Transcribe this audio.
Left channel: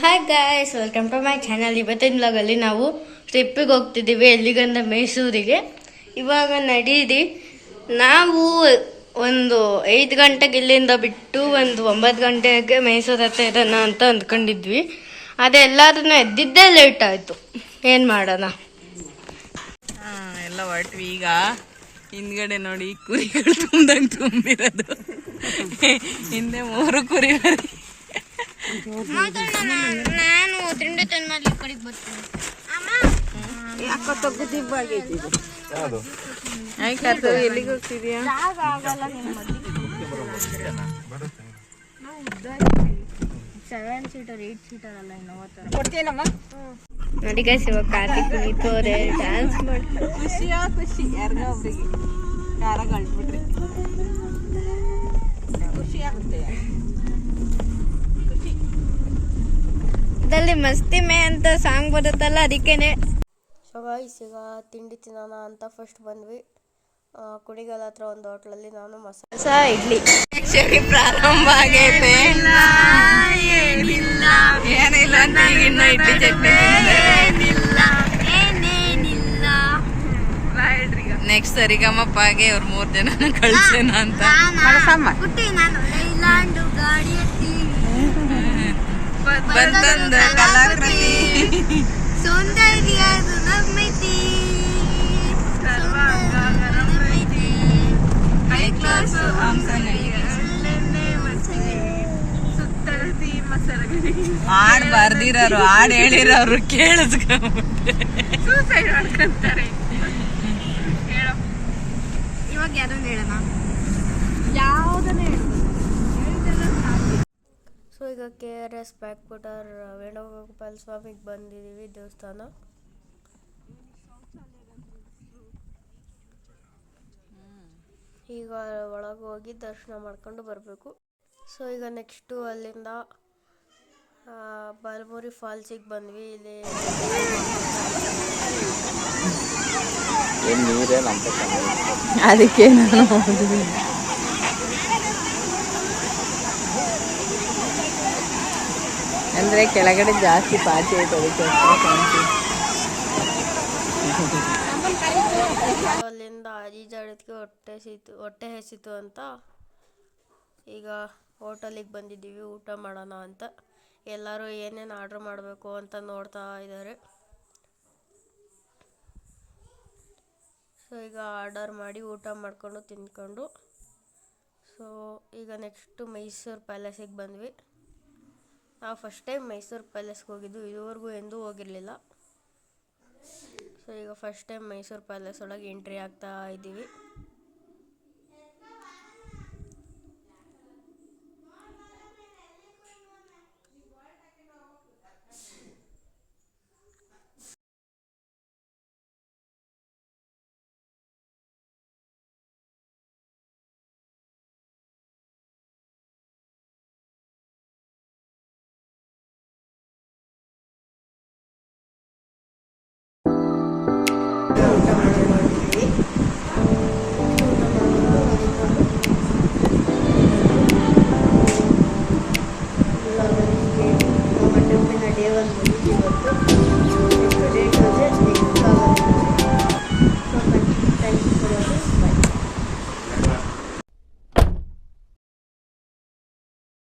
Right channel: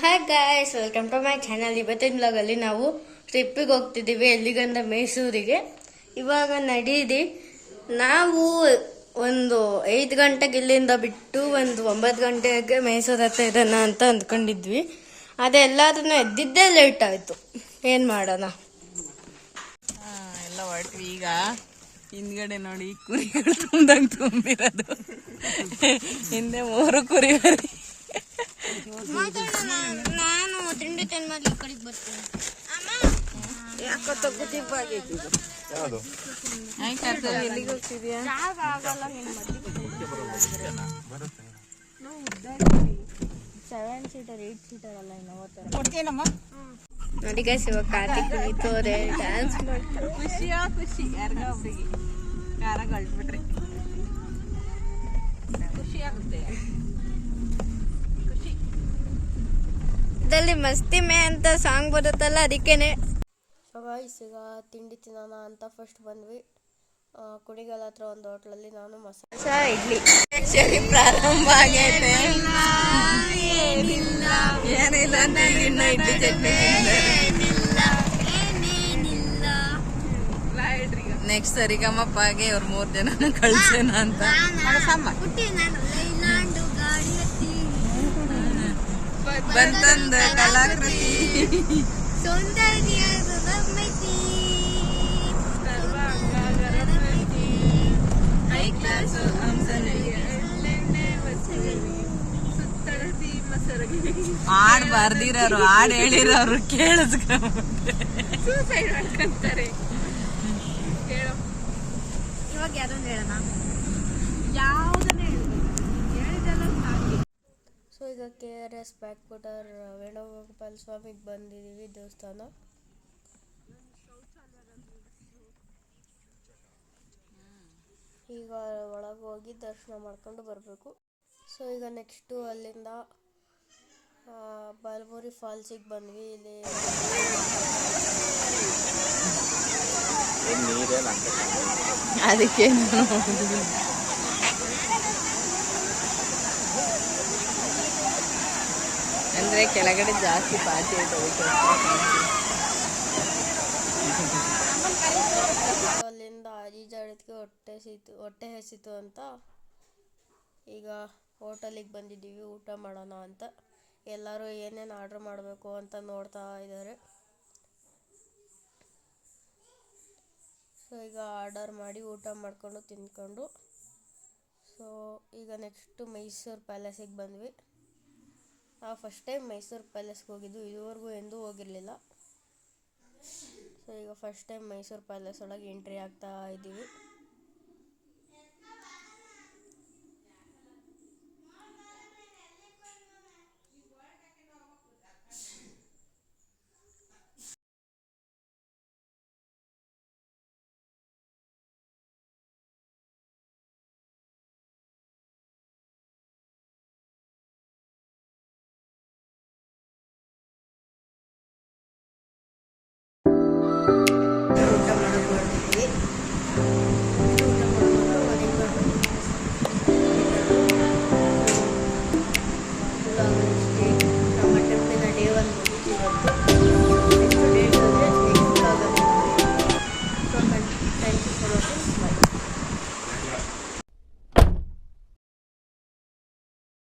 Hi guys, welcome to my channel. ಇವತ್ತಿನ ವ್ಲಾಗಲ್ಲಿ ನಾವು ಟ್ರಿಪ್ಪಿಗೆ ಹೋಗ್ತಿದ್ದೀವಿ. ಎಲ್ಲಿಗಂದ ಮೈಸೂರಿಗೆ. ಇವಾಗ ನಡೀರಿ ನಾವು ಒಂದು 5 ಗಂಟೆಗೆ ಇಲ್ಲಿಂದ ಬಿಟ್ಟು ಒಂದು 9 ಗಂಟೆಗೆ ಮೈಸೂರು ಹತ್ರ ಇರೋಣ ಅಂತ ಅಂದ್ಕೊಂಡಿದ್ವಿ. ಅದೆಲ್ಲದನ್ನ ಎದ್ದಿದ್ದೇ ಲೇಟ್ ಆಯಿತು. ಏನು ಮಾಡೋಣ? ಎಲ್ಲ ಹೊರಟ್ವಿ. ಈಗ ಹಿಂದ್ಗಡೆ ನೋಡಿ ಕುರಿಗಳು ತುಂಬ್ದಂಗೆ ತುಂಬಿರೋದು. ಹಿಂದೆ 3 ಕುರಿಗಳು. ನಾನು ತಿಂಡಿ ತಂದು ಕಡೆಗೆ ಬರ್ತೀನಿ. ಎಲ್ಲಿಗೆ ಹೋಗ್ತಿದ್ಯಾ? 7 ಸೀಟರ್ 8 ಸೀಟರ್ ಅಲ್ಲ, ಕೊಡ್ತೀನಮ್ಮ. ನೋಡಿ ಗೈಸ್, ಇವಾಗ ಕಾರ್ತಿಕ್ ಕುಣಿತೋರೆ, ಡ್ಯಾನ್ಸ್ ಮಾಡ್ತಾರೆ. ಖುಷಿ ಯಾರಿಗ ಒಬ್ರಿಗೆ ಕಾರ ಕಳ್ಸ್ಬಿಟ್ರಿ ಖುಷಿ ಆಗುತ್ತೆ. ಇದಲ್ಲಿ ಮಸ್ತಿ ಮೇ ಅಂತ ಸಾಂಗ್ ಬರುತ್ತಲ್ಲ, ಅದಕ್ಕೇನೆ. ಸೊ ಗೈಸ್, ಈಗ ತಿಂಡಿ ತಿನ್ನೋಣ ಅಂತ ಫಸ್ಟ್ ಬಂದ್ವಿ. ಕುಣಿಗಲ್ ಹತ್ರ ಒಂದು ಹೋಟ್ಲಲ್ಲಿ ನಾನು ಮಸಾಲ ಇಡ್ಲಿ ಸರಿ ಪ್ರಾರಂಭ ಆಗೈತೆ. ಏನಿಲ್ಲ ಇನ್ನು ಇಡ್ಲಿ ಚಟ್ನಿ. ನೆಕ್ಸ್ಟ್ ಸರಿಗಮ್ಮಪ್ಪಗೆ ಅವ್ರು 3 ಜನ ಕಳ್ಸೋಣ ಅಂತ. ಬಂತಂದ ಕಲಾಕೃತಿ ಸೌಂದರ್ಯ ಹಾಡ್ ಬರ್ದಿರೋರು, ಹಾಡ್ ಹೇಳಿರೋರು ಕೇಳಿಸ್ಕೊಂಡ್ಬಿಟ್ಟೆ ಸೂಸೈಡ್ ಮಾಡ್ಕೊಂತಾರೆ. ಹೇಳೋ ಇವಾಗ ಯಾರನ್ನ ಹೇಳೋಣ? ಯಾವುದನ್ನ ಹೇಳಿದಲ್ಲ. ಸೊ ಈಗ KRS ಬ್ಯಾಕ್ವಾಟರ್ ವೇಣುಗೋಪಾಲ ಸ್ವಾಮಿಗೆ ಬಂದಿದ್ದೀವಿ, ದೇವಸ್ಥಾನ. ಈಗ ಒಳಗೆ ಹೋಗಿ ದರ್ಶನ ಮಾಡ್ಕೊಂಡು ಬರಬೇಕು. ಸೊ ಈಗ ನೆಕ್ಸ್ಟು ಅಲ್ಲಿಂದ ಬಲಮುರಿ ಫಾಲ್ಸಿಗೆ ಬಂದ್ವಿ. ಇಲ್ಲಿ ಅದಕ್ಕೆ ಅಂದ್ರೆ ಕೆಳಗಡೆ ಜಾಸ್ತಿ ಪಾಚಿ ಐತೆ. ಅಲ್ಲಿಂದ ಈಜಾಡೋದಕ್ಕೆ ಹೊಟ್ಟೆ ಹಸಿತು ಅಂತ ಈಗ ಹೋಟೆಲಿಗೆ ಬಂದಿದ್ದೀವಿ ಊಟ ಮಾಡೋಣ ಅಂತ. ಎಲ್ಲರೂ ಏನೇನು ಆರ್ಡ್ರ್ ಮಾಡಬೇಕು ಅಂತ ನೋಡ್ತಾ ಇದ್ದಾರೆ. ಸೊ ಈಗ ಆರ್ಡರ್ ಮಾಡಿ ಊಟ ಮಾಡಿಕೊಂಡು ತಿಂದ್ಕೊಂಡು, ಸೊ ಈಗ ನೆಕ್ಸ್ಟು ಮೈಸೂರು ಪ್ಯಾಲೇಸಿಗೆ ಬಂದ್ವಿ. ನಾವು ಫಸ್ಟ್ ಟೈಮ್ ಮೈಸೂರು ಪ್ಯಾಲೇಸ್ಗೆ ಹೋಗಿದ್ದು, ಇದುವರೆಗೂ ಎಂದೂ ಹೋಗಿರಲಿಲ್ಲ. ಸೊ ಈಗ ಫಸ್ಟ್ ಟೈಮ್ ಮೈಸೂರು ಪ್ಯಾಲೇಸ್ ಒಳಗೆ ಎಂಟ್ರಿ ಆಗ್ತಾ ಇದ್ದೀವಿ.